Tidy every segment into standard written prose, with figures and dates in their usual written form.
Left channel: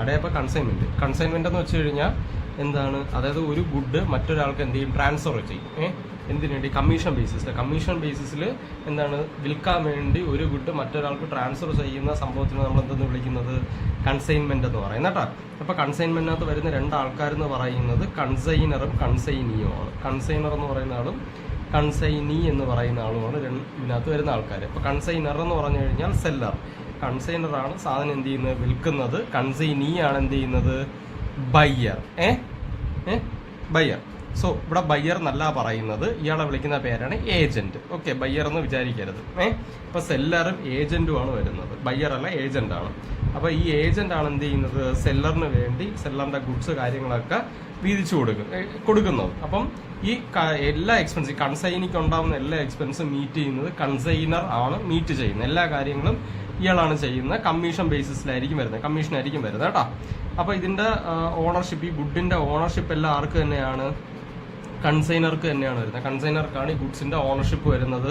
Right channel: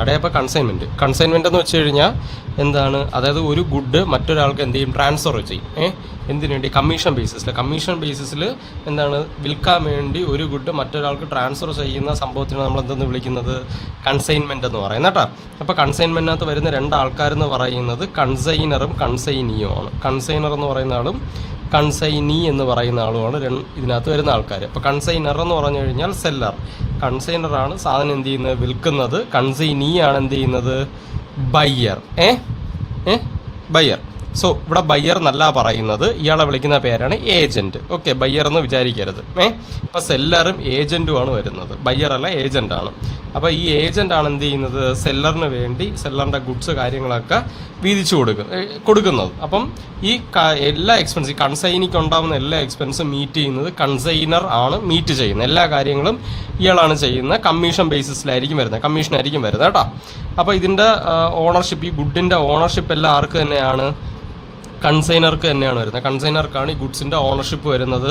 അവിടെ ഇപ്പോൾ കൺസൈൻമെൻറ്റ് എന്ന് വെച്ച് കഴിഞ്ഞാൽ എന്താണ്, അതായത് ഒരു ഗുഡ് മറ്റൊരാൾക്ക് എന്ത് ചെയ്യും, ട്രാൻസ്ഫർ ചെയ്യും. എന്തിനു വേണ്ടി? കമ്മീഷൻ ബേസിസിൽ എന്താണ്, വിൽക്കാൻ വേണ്ടി ഒരു ഗുഡ് മറ്റൊരാൾക്ക് ട്രാൻസ്ഫർ ചെയ്യുന്ന സംഭവത്തിന് നമ്മൾ എന്തെന്ന് വിളിക്കുന്നത്? കൺസൈൻമെൻറ്റ് എന്ന് പറയുന്നത് കേട്ടോ. അപ്പോൾ കൺസൈൻമെൻറ്റിനകത്ത് വരുന്ന രണ്ട് ആൾക്കാരെന്ന് പറയുന്നത് കൺസൈനറും കൺസൈനിയുമാണ്. കൺസൈനർ എന്ന് പറയുന്ന ആളും കൺസൈനി എന്ന് പറയുന്ന ആളുമാണ് ഇതിനകത്ത് വരുന്ന ആൾക്കാർ. അപ്പോൾ കൺസൈനർ എന്ന് പറഞ്ഞു കഴിഞ്ഞാൽ സെല്ലർ, കൺസൈനറാണ് സാധനം എന്ത് ചെയ്യുന്നത്, വിൽക്കുന്നത്. കൺസൈനിയാണ് എന്ത് ചെയ്യുന്നത്, ബയ്യർ. ബയ്യർ. സോ ഇവിടെ ബയ്യർ എന്നല്ല പറയുന്നത്, ഇയാളെ വിളിക്കുന്ന പേരാണ് ഏജന്റ്. ഓക്കെ, ബയ്യർ എന്ന് വിചാരിക്കരുത്. ഇപ്പം സെല്ലറും ഏജന്റുമാണ് വരുന്നത്, ബയ്യർ അല്ല ഏജന്റാണ്. അപ്പോൾ ഈ ഏജന്റ് ആണ് എന്ത് ചെയ്യുന്നത്, സെല്ലറിന് വേണ്ടി സെല്ലറിന്റെ ഗുഡ്സ് കാര്യങ്ങളൊക്കെ വീതിച്ചു കൊടുക്കുന്നത്. അപ്പം ഈ എല്ലാ എക്സ്പെൻസ്, ഈ കൺസൈനിക്ക് ഉണ്ടാകുന്ന എല്ലാ എക്സ്പെൻസും മീറ്റ് ചെയ്യുന്നത് കൺസൈനർ ആണ് മീറ്റ് ചെയ്യുന്നത്. എല്ലാ കാര്യങ്ങളും ഇയാളാണ് ചെയ്യുന്നത്. കമ്മീഷൻ ബേസിസിലായിരിക്കും വരുന്നത്, കമ്മീഷനായിരിക്കും വരുന്നത് കേട്ടോ. അപ്പോൾ ഇതിൻ്റെ ഓണർഷിപ്പ്, ഈ ഗുഡിൻ്റെ ഓണർഷിപ്പ് എല്ലാം ആർക്ക് തന്നെയാണ്? കൺസൈനർക്ക് തന്നെയാണ് വരുന്നത്. കൺസൈനർക്കാണ് ഈ ഗുഡ്സിൻ്റെ ഓണർഷിപ്പ് വരുന്നത്.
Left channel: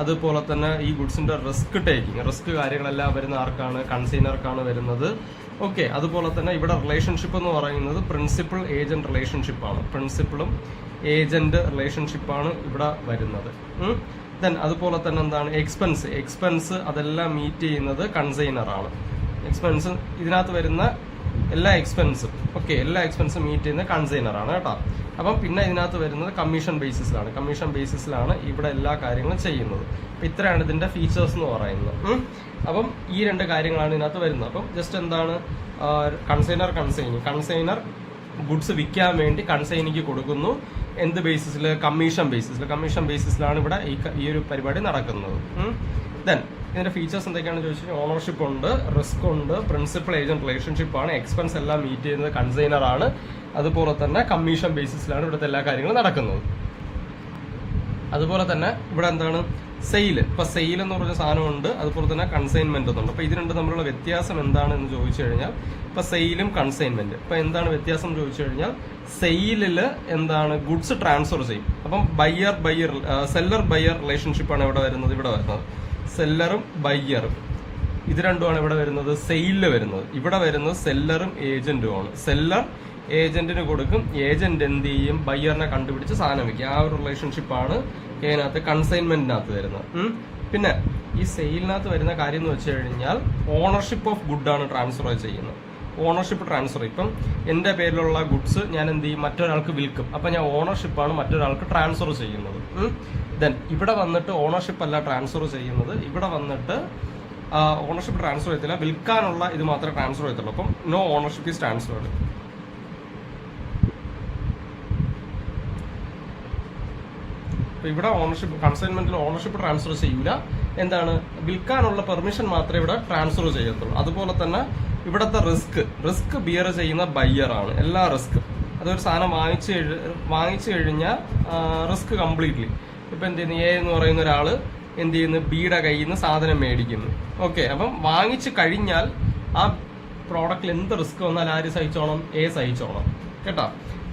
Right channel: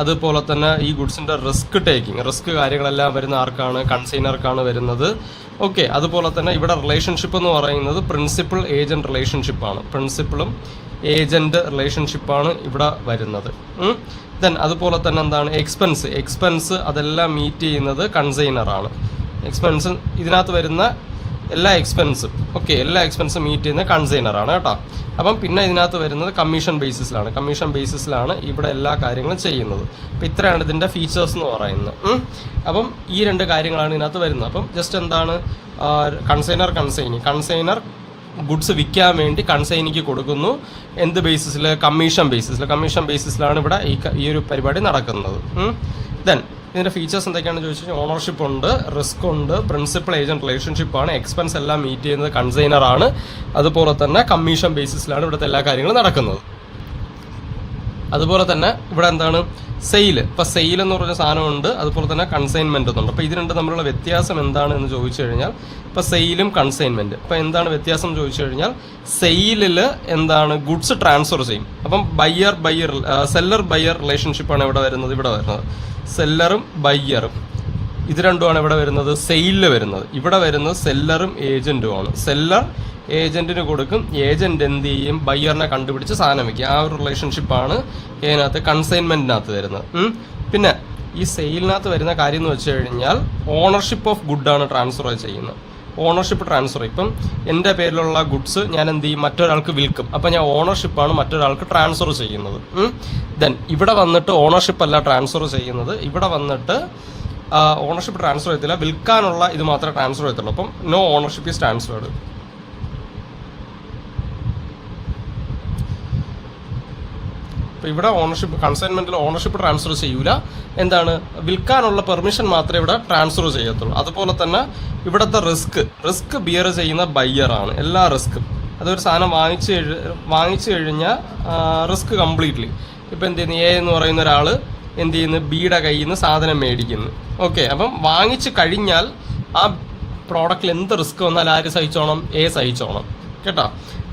അതുപോലെ തന്നെ ഈ ഗുഡ്സിൻ്റെ റിസ്ക് കാര്യങ്ങളെല്ലാം വരുന്ന ആർക്കാണ്? കൺസൈനർക്കാണ് വരുന്നത്. ഓക്കെ, അതുപോലെ തന്നെ ഇവിടെ റിലേഷൻഷിപ്പ് എന്ന് പറയുന്നത് പ്രിൻസിപ്പൽ ഏജന്റ് റിലേഷൻഷിപ്പാണ്. പ്രിൻസിപ്പളും ഏജന്റ് റിലേഷൻഷിപ്പാണ് ഇവിടെ വരുന്നത്. ദെൻ അതുപോലെ തന്നെ എന്താണ്, എക്സ്പെൻസ് അതെല്ലാം മീറ്റ് ചെയ്യുന്നത് കൺസൈനറാണ്. എക്സ്പെൻസ് ഇതിനകത്ത് വരുന്ന എല്ലാ എക്സ്പെൻസും മീറ്റ് ചെയ്യുന്ന കൺസൈനറാണ് കേട്ടോ. അപ്പം പിന്നെ ഇതിനകത്ത് വരുന്നത് കമ്മീഷൻ ബേസിസിലാണ് ഇവിടെ എല്ലാ കാര്യങ്ങളും ചെയ്യുന്നത്. അപ്പം ഇത്രയാണ് ഇതിൻ്റെ ഫീച്ചേഴ്സ് എന്ന് പറയുന്നത്. അപ്പം ഈ രണ്ട് കാര്യങ്ങളാണ് ഇതിനകത്ത് വരുന്നത്. അപ്പം ജസ്റ്റ് എന്താണ്, കൺസൈനർ ഗുഡ്സ് വിൽക്കാൻ വേണ്ടി കൺസൈനിക്ക് കൊടുക്കുന്നു. എന്ത് ബേസിസിൽ? കമ്മീഷൻ ബേസിസിലാണ് ഇവിടെ ഈ ഒരു പരിപാടി നടക്കുന്നത്. ദെൻ ഇതിൻ്റെ ഫീച്ചേഴ്സ് എന്തൊക്കെയാണെന്ന് ചോദിച്ചാൽ ഓണർഷിപ്പ് ഉണ്ട്, റിസ്ക് ഉണ്ട്, പ്രിൻസിപ്പൽ ഏജന്റ് റിലേഷൻഷിപ്പാണ്, എക്സ്പെൻസ് എല്ലാം മീറ്റ് ചെയ്യുന്നത് കൺസൈനറാണ്. അതുപോലെ തന്നെ കമ്മീഷൻ ബേസിസിലാണ് ഇവിടുത്തെ എല്ലാ കാര്യങ്ങളും നടക്കുന്നത്. അതുപോലെ തന്നെ ഇവിടെ എന്താണ്, സെയിൽ. ഇപ്പം സെയിൽ എന്ന് പറഞ്ഞ സാധനമുണ്ട്, അതുപോലെ തന്നെ കൺസൈൻമെൻറ്റ് എന്നുണ്ട്. അപ്പോൾ ഇത് രണ്ട് തമ്മിലുള്ള വ്യത്യാസം എന്താണ് എന്ന് ചോദിച്ചു കഴിഞ്ഞാൽ, ഇപ്പോൾ സെയിലും കൺസൈൻമെൻറ്റ്. ഇപ്പോൾ എന്താണ് വ്യത്യാസം എന്ന് ചോദിച്ചു കഴിഞ്ഞാൽ, സെയിലിൽ എന്താണ്, ഗുഡ്സ് ട്രാൻസ്ഫർ ചെയ്യും. അപ്പം സെല്ലർ ബയ്യർ റിലേഷൻഷിപ്പാണ് ഇവിടെ വരുന്നത്. സെല്ലറും ബയ്യറും ഇത് രണ്ടുമാണ് ഇവിടെ വരുന്നത്, സെയിലിൽ വരുന്നത്. ഇവിടെ വരുന്നത് സെല്ലറും ഏജന്റുമാണ്. സെല്ലർ ഏജന്റിന് കൊടുക്കും, ഏജന്റ് എന്ത് ചെയ്യും, ബയ്യറിനെ കണ്ടുപിടിച്ച് സാധനം വയ്ക്കുക. ആ ഒരു റിലേഷൻഷിപ്പാണ് ഇതിനകത്ത് കൺസൈൻമെന്റിനകത്ത് വരുന്നത്. പിന്നെ ഈ സെയിലിനകത്ത് വരുന്ന കാര്യം എന്ന് വെച്ച് കഴിഞ്ഞാൽ ഓണർഷിപ്പ് ഓഫ് ഗുഡാണ് ട്രാൻസ്ഫർ ചെയ്യുന്നത്. ഓണർഷിപ്പ് ട്രാൻസ്ഫർ, ഇപ്പം എൻ്റെ പേരിലുള്ള ഗുഡ്സ് ഞാൻ എന്ത് ചെയ്യും, മറ്റൊരാൾക്ക് വിൽക്കും. അപ്പം ഞാൻ ഓണർഷിപ്പാണ് മറ്റൊരാൾക്ക് ട്രാൻസ്ഫർ ചെയ്യുന്നത്. ദെൻ ഇവിടെ വന്നിട്ട് ഓണർഷിപ്പ് അല്ല ട്രാൻസ്ഫർ ചെയ്യുന്നത്, ഇവിടെ വന്നിട്ട് ഓണർഷിപ്പ് ട്രാൻസ്ഫർ ചെയ്യത്തില്ല, വിൽക്കാനുള്ള ഇത് മാത്രമേ ട്രാൻസ്ഫർ ചെയ്യത്തുള്ളൂ. അപ്പം നോ ഓണർഷിപ്പ് ഈസ് ട്രാൻസ്ഫേർഡ്. അപ്പോൾ ഇവിടെ കൺസൈൻമെന്റിൽ ഓണർഷിപ്പ് ട്രാൻസ്ഫർ ചെയ്യൂല. എന്താണ്, വിൽക്കാനുള്ള പെർമിഷൻ മാത്രമേ ഇവിടെ ട്രാൻസ്ഫർ ചെയ്യത്തുള്ളൂ. അതുപോലെ തന്നെ ഇവിടുത്തെ റിസ്ക് ബിയർ ചെയ്യുന്ന ബയ്യറാണ്. എല്ലാ റിസ്ക്കും, അതൊരു സാധനം വാങ്ങിച്ചു കഴിഞ്ഞാൽ റിസ്ക് കംപ്ലീറ്റ്ലി. ഇപ്പം എന്ത് ചെയ്യുന്നു, എ എന്ന് പറയുന്ന ഒരാൾ എന്ത് ചെയ്യുന്നു, ബിയുടെ കയ്യിൽ നിന്ന് സാധനം മേടിക്കുന്നു. ഓക്കെ, അപ്പം വാങ്ങിച്ചു കഴിഞ്ഞാൽ ആ പ്രോഡക്റ്റിൽ എന്ത് റിസ്ക് വന്നാൽ ആര് സഹിച്ചോണം? എ സഹിച്ചോണം കേട്ടോ.